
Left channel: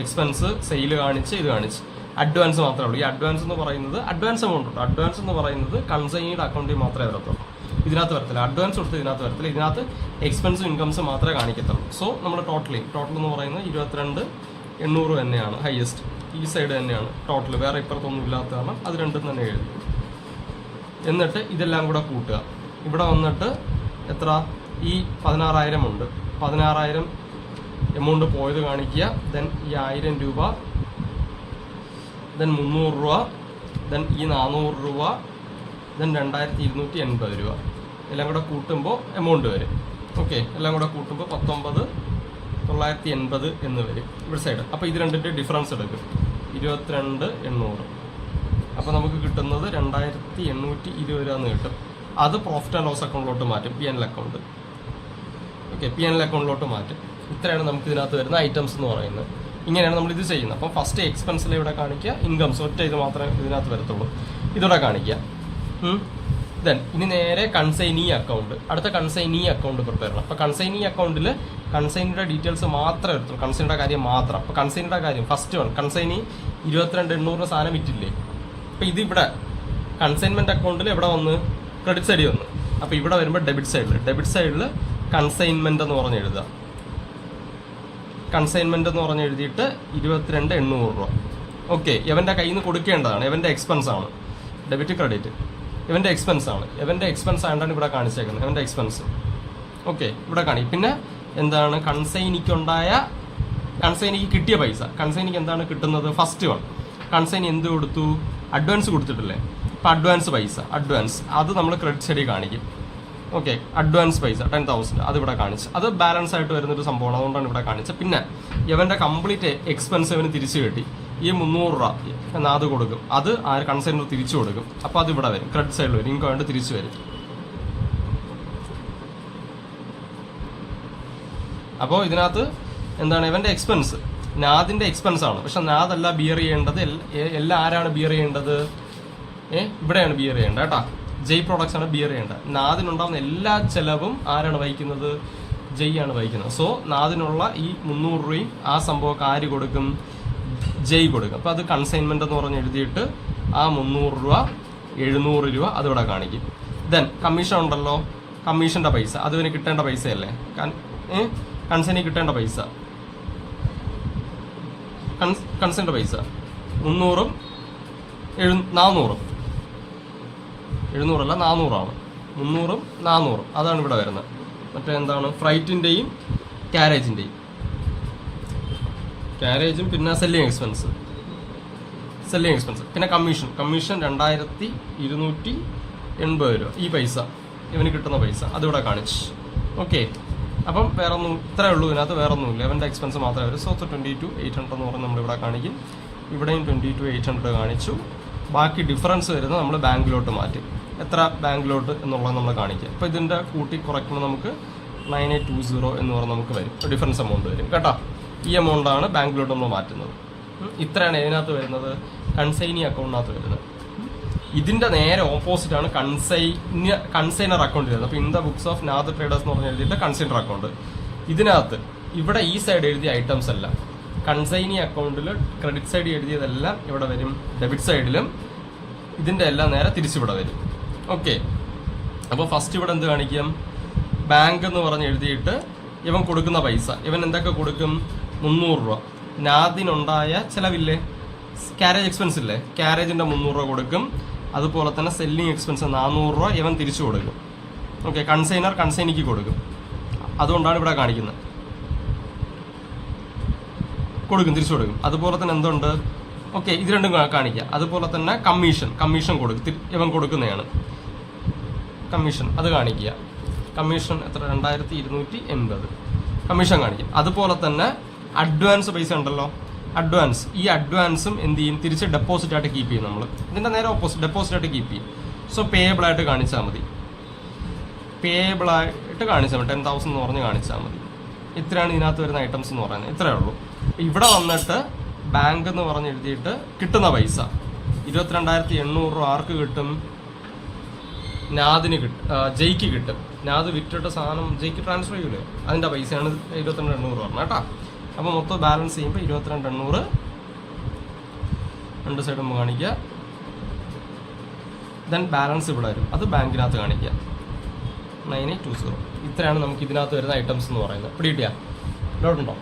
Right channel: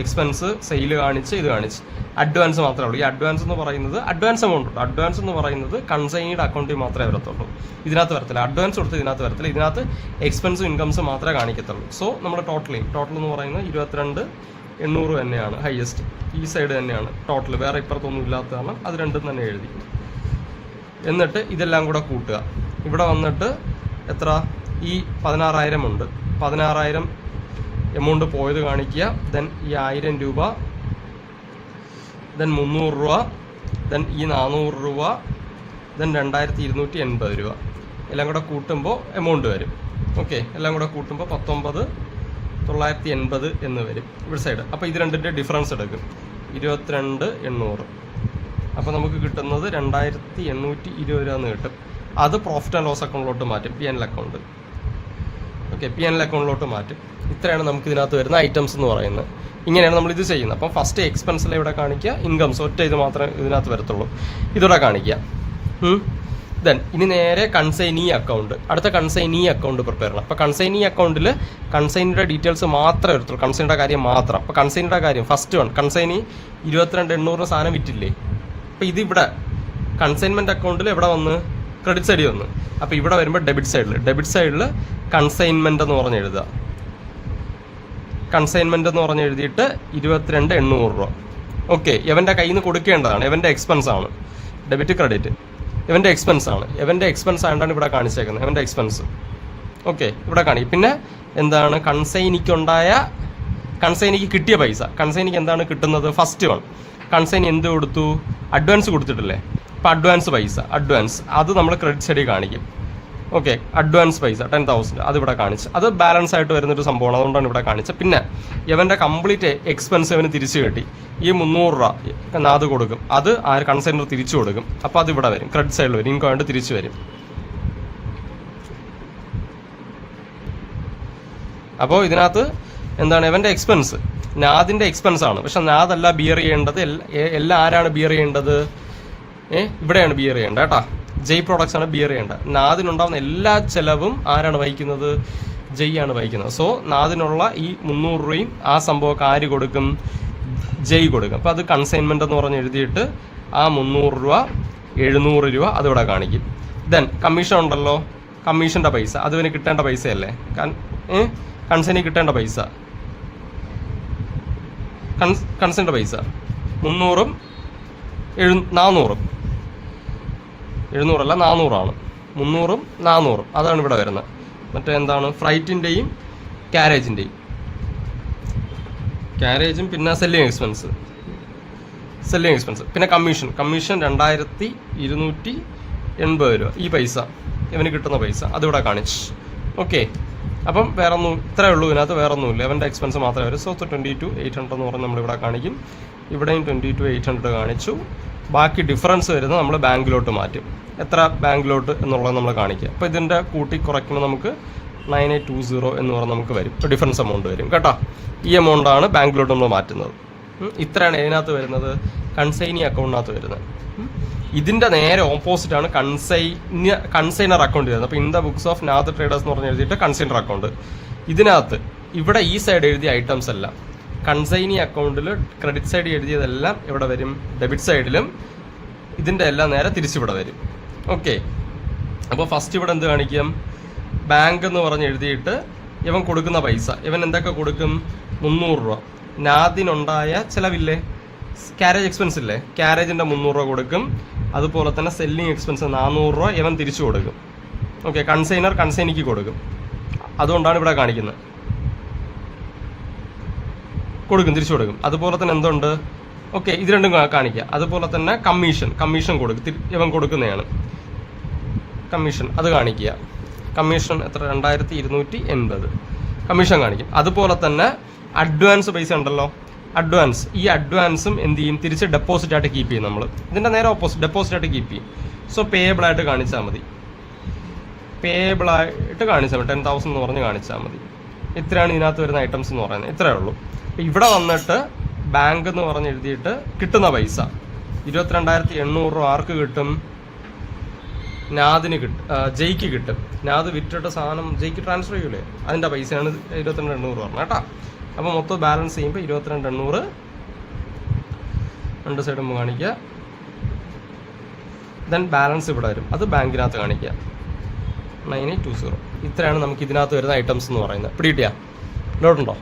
എക്സ്പെൻസ്, സെയിൽ കാണിച്ച്, ഇത് കാണിച്ച്. അഡ്വാൻസ് മാത്രമേ ഉള്ളൂ. ഈ അഡ്വാൻസ് എന്ന് പറയുന്നത് അഡ്വാൻസ് എമൗണ്ട് ഉണ്ട്. അഡ്വാൻസ് എന്ന് പറയുന്നത് കൺസൈനിയുടെ അക്കൗണ്ടിൽ മാത്രമേ വരത്തുള്ളൂ. ഇതിനകത്ത് വരത്തില്ല. അഡ്വാൻസ് കൊടുത്ത് ഇതിനകത്ത് വരത്തില്ല. ഇതിനകത്ത് എക്സ്പെൻസും ഇൻകംസും മാത്രമേ കാണിക്കത്തുള്ളൂ. സോ നമ്മൾ ടോട്ടൽ എന്ന് പറയുന്നത് 22,800 തന്നെയാണ് ഹയസ്റ്റ്. ഈ സൈഡ് തന്നെയാണ് ടോട്ടൽ. വേറെ ഇപ്പുറത്തൊന്നും ഇല്ലാത്ത കാരണം അത് രണ്ടും തന്നെ എഴുതി. എന്നിട്ട് ഇതെല്ലാം കൂടെ കൂട്ടുക. ഇവിടെ വന്നിട്ട് എത്ര? ഈ 16,000 ഉണ്ട്. 16,000 എമൗണ്ട് പോയത് കാണിക്കുക. ദെൻ ഈ 1,000 രൂപ, ദെൻ 300 രൂപ, ദെൻ ഈ 400 രൂപ, ദെൻ 2,280 രൂപ. എല്ലാം കൂടെ കൂട്ടുമ്പോൾ എമൗണ്ട് വരും. ഓക്കെ, എല്ലാം കൂടെ കൂട്ടുമ്പോൾ 19,980 എന്ന് വരും ഇവിടെ സൈഡ്. അപ്പോൾ ഇത് രണ്ടിൻ്റെ ഡിഫറൻസ് എടുക്കും. 22,800. അപ്പോൾ നമുക്ക് കിട്ടുന്നത് 2,820 രൂപ എന്ന് കിട്ടും. അത് പ്രോഫിറ്റ് ആൻഡ് ലോസ് അക്കൗണ്ടിലോട്ട് മാറ്റും, P&L അക്കൗണ്ട്. ഓക്കെ, P&L അക്കൗണ്ടിലോട്ട് മാറ്റും. ഇത്രയാണ് നമുക്ക് ഇതിനകത്ത് വരുന്ന ഐറ്റംസ് എന്ന് പറയുന്നത്. ഇങ്ങനെയാണ് നമ്മൾ ഇത് ചെയ്യുന്നത്. അപ്പം ഫസ്റ്റ് എക്സ്പെൻസിൽ ഇവിടെ കാണിക്കുക, ഇൻകംസ് ഒറ്റ ഇത് മാത്രമേ ഇതിനകത്ത് വരത്തുള്ളൂ. ഇതിവിടെ കാണിക്കുക. ദെൻ ഇനി നേരെ കൺസൈനി അക്കൗണ്ട്. അടുത്ത കൺസൈനി അക്കൗണ്ട് പ്രിപ്പയർ ചെയ്യണം. അപ്പോൾ കൺസൈനി അക്കൗണ്ടിൽ കൺസൈനിയുടെ ഡീറ്റെയിൽസ് മാത്രമേ വരത്തുള്ളൂ, കൺസൈനിയുടെ കാര്യം മാത്രം. അപ്പോൾ കൺസൈനിയുടെ കാര്യം ഫസ്റ്റ് വൺ, കൺസൈനി 22,800 സാധനം വിറ്റില്ലേ. അപ്പോൾ ഇതിവിടെ കൺസൈൻമെൻറ്റ് അക്കൗണ്ടിൽ എവിടെ വന്ന്? ക്രെഡിറ്റ് സൈഡിൽ വന്ന്. അപ്പോൾ ഇവിടെ വരുമ്പോൾ ഡെബിറ്റ് സൈഡിൽ കൺസൈൻമെൻറ്റ് എന്ന് പറഞ്ഞ് എഴുതുക. കൺസൈൻമെൻറ്റ് എന്ന് പറഞ്ഞ് എഴുതിയിട്ട് 22,800 രൂപ. ഓക്കെ, ഇവൻ്റെ കയ്യിൽ നിന്ന് കൊടുക്കേണ്ടതാണ്. ഇവൻ്റെ എക്സ്പെൻസ് ആണ്. ഡെബിറ്റ് ക്രെഡിറ്റ് ഇവൻ്റെ എക്സ്പെൻസ് ആണ്. ഇവൻ്റെ എക്സ്പെൻസ് ആയിട്ടാണ് ഇവിടെ കാണിച്ചേക്കുന്നത്. ഇവൻ്റെ എക്സ്പെൻസ്. ഓക്കെ, ഇവിടെ കാണിക്കും. പിന്നെ എന്താണ്? കൺസൈനിക്ക് കിട്ടിയ പൈസ. കൺസൈനിക്ക് എന്താണ് കിട്ടുന്നത്? ഫസ്റ്റ് വൺ, കൺസൈനി എന്ത് കൊടുത്തു? അഡ്വാൻസ് കൊടുത്തിട്ടില്ലേ. അപ്പോൾ അഡ്വാൻസ് പൈസ, അത് നമ്മൾ ക്രെഡിറ്റ് സൈഡിൽ കാണിക്കും. ഓക്കെ, അഡ്വാൻസ് പൈസ 10,000 അതിവിടെ കാണിച്ച്. അത് ബാലൻസ് ആയിട്ട് വരുന്നൊരു സംഭവമാണ്, അതുകൊണ്ടാണ് ഇവിടെ കാണിച്ചത്. പിന്നെ ഇവൻ്റെ കംപ്ലീറ്റ് എക്സ്പെൻസ് ഇവന് തിരിച്ചു കിട്ടി. ഈ 300 രൂപ അത് കൊടുക്കും. അത് കൺസൈനർ തിരിച്ചു കൊടുക്കും. അപ്പോൾ അത് ഇവിടെ വരും, ക്രെഡിറ്റ് സൈഡിൽ വരും, ഇൻകം ആയിട്ട് തിരിച്ചു വരും. അപ്പോൾ ഇതിനകത്ത് എന്താണ്? ഇവൻ്റെ എക്സ്പെൻസ് നാദിൻ്റെ എക്സ്പെൻസ് ആണ്. പക്ഷെ നാദല്ല ബിയർ ചെയ്യേണ്ടത്. എല്ലാം ആരാണ് ബിയർ ചെയ്യേണ്ടത്? ഇവിടെയാണ് ബിയർ ചെയ്യേണ്ടത് കേട്ടോ. ജയ് പ്രോഡക്ട്സ് ആണ് ബിയർ ചെയ്യേണ്ടത്. നാദിനുണ്ടാവുന്ന എല്ലാ ചെലവും ആരാണ് വഹിക്കുന്നത്? ജയ് ആണ് വഹിക്കുന്നത്. സോ നാദിനുള്ള ഈ 300 രൂപയും ആ സംഭവമൊക്കെ ആര് കൊടുക്കും? ജയ് കൊടുക്കും. അപ്പോൾ അത് കൺസൈൻമെൻറ്റ് എന്ന് പറഞ്ഞ് എഴുതിയിട്ട് ആ 300 രൂപ 700 രൂപ അതിവിടെ കാണിക്കും. ദെൻ കമ്മീഷൻ ഉണ്ടല്ലോ, കമ്മീഷൻ്റെ പൈസ അത് പിന്നെ കിട്ടേണ്ട പൈസയല്ലേ, കൺസൈനി കിട്ടേണ്ട പൈസ, കൺസൈൻ്റെ പൈസ 300ഉം 400ഉം 700 അല്ല 400 300ഉം 400ഉം അതാണ് ഇവിടെ വരുന്നത്. മറ്റേ എന്താണ്? ഫ്ലൈറ്റിൻ്റെയും ക്യാരേജും പിന്നെ സെല്ലിങ് എക്സ്പെൻസ്. Selling expense. പിന്നെ കമ്മീഷൻ 2280 രൂപ. ഈ പൈസ ഇവന് കിട്ടുന്ന പൈസ അതിവിടെ കാണിച്ചു. ഓക്കെ, അപ്പം വേറെ ഒന്നും, ഇത്രയേ ഉള്ളൂ ഇതിനകത്ത്, വേറെ ഒന്നുമില്ല. ഇവൻ്റെ എക്സ്പെൻസ് മാത്രമേ വരും. സോ 22,800 എന്ന് പറഞ്ഞ് നമ്മളിവിടെ കാണിക്കും. ഇവിടെയും 22,800 കാണിച്ചു. ബാക്കി ഡിഫറൻസ് വരുന്നത് നമ്മൾ ബാങ്കിലോട്ട് മാറ്റും. എത്ര ബാങ്കിലോട്ട് എന്നുള്ളത് നമ്മൾ കാണിക്കുക. അപ്പോൾ ഇതിൻ്റെ കൂട്ടി കുറയ്ക്കുമ്പോൾ നമുക്ക് 9820 എന്ന് പറഞ്ഞാൽ നമുക്ക് വരും. ഇപ്പോൾ ഡിഫറൻസ് എമൗണ്ട് വരും കേട്ടോ. ഈ എമൗണ്ടാണ് ബാങ്കിലോട്ട് നമ്മൾ മാറ്റുന്നത്. ഇത്രയാണ് ഇതിനകത്ത് വരുന്നത്, കൺസൈനി അക്കൗണ്ടിനകത്ത് വരുന്നത്. ഇതിൻ്റെ നേരെ ഓപ്പോസിറ്റാണ് കൺസൈനർ അക്കൗണ്ട് വരുന്നത്. അപ്പോൾ in the books of Nath traders എന്ന് പറഞ്ഞ് എഴുതിയിട്ട് കൺസൈനർ അക്കൗണ്ട്. ഇതിനകത്ത് ഇവിടെ ഈ സൈഡ് എഴുതിയ ഐറ്റംസ് എല്ലാം കൺസൈനി അക്കൗണ്ടിൽ ക്രെഡിറ്റ് സൈഡ് എഴുതിയതെല്ലാം ഇവിടെ വരും, ഡെബിറ്റ് സൈഡിലും ഇതിൻ്റെ എല്ലാം നേരെ തിരിച്ചിവിടെ വരും. ഓക്കെ, അപ്പോൾ ഫസ്റ്റ് ഇവിടെ എന്ത് കാണിക്കും, ബാങ്ക് എന്ന് പറഞ്ഞ് എഴുതിയിട്ട് ഇവൻ കൊടുക്കുന്ന പൈസ, ഇവൻ എന്തൊക്കെ കൊടുക്കും, 300 രൂപ. നാദിനുണ്ടായ ചിലവില്ലേ, ക്യാരേജ് എക്സ്പെൻസ് ഇല്ലേ, ക്യാരേജിൻ്റെ 300 രൂപ കൊടുക്കും. അതുപോലെ തന്നെ സെല്ലിങ് എക്സ്പെൻസ് 400 രൂപ ഇവൻ തിരിച്ചു കൊടുക്കും. ഓക്കെ, കൺസൈനിക്ക് കൊടുക്കും. അതുകൊണ്ടാണ് ഇവിടെ കാണിക്കുന്നത്, തിരിച്ചു കൊടുക്കും. അതുപോലെ തന്നെ എന്തുണ്ട്, ഓക്കെ, ഇത് രണ്ടും കാണിക്കുക. അതുപോലെ തന്നെ കമ്മീഷൻ കൊടുക്കും, ഇവൻ കൊടുക്കുന്നതാണ് കമ്മീഷൻ, അത് കാണിക്കുക. കമ്മീഷൻ എത്ര, 2280 കമ്മീഷൻ കാണിക്കും. അതുപോലെ തന്നെ അഡ്വാൻസ് പൈസ ഉണ്ടല്ലോ, ഈ അഡ്വാൻസും എന്ത് ചെയ്യും, തിരിച്ച് ഡെപ്പോസിറ്റ് ആയിട്ട് കീപ്പ് ചെയ്യും. നമ്മൾ ഇതിൻ്റെ നേരെ ഓപ്പോസിറ്റ് ഡെപ്പോസിറ്റ് ആയിട്ട് കീപ്പ് ചെയ്യും. സോ പേയബിൾ ആയിട്ട് കാണിച്ചാൽ മതി, 10,000 എന്ന് പറഞ്ഞ് കാണിച്ചാൽ മതി. ഇത്രയാണ് ഇതിനകത്ത് വരുന്ന ഐറ്റംസ് എന്ന് പറയുന്നത്, ഇത്രയേ ഉള്ളൂ. ഇവിടെ വന്നിട്ട് ബാങ്ക് എന്ന് പറഞ്ഞ് എഴുതിയിട്ട് കിട്ടുന്ന പൈസ 22,800 രൂപ ആർക്ക് കിട്ടും, നാദിന് കിട്ടും, ജയ്ക്ക് കിട്ടും. നാദ് വിറ്റിട്ട് സാധനം ജയ്ക്ക് ട്രാൻസ്ഫർ ചെയ്യൂലേ, അതിൻ്റെ പൈസയാണ് 22,800 പറഞ്ഞത് കേട്ടോ. അപ്പോൾ മൊത്തം ബാലൻസ് ചെയ്യുമ്പോൾ 22,800 രണ്ട് സൈഡും കാണിക്കുക. ദെൻ ബാലൻസ് ഇവിടെ വരും, അത് ബാങ്കിനകത്ത് കാണിക്കുക 9820. ഇത്രയാണ് നമുക്ക് ഇതിനകത്ത് വരുന്ന ഐറ്റംസ് എന്ന് പറയുന്നത്. പിടികിട്ടിയാ, ലോട്ടുണ്ടോ?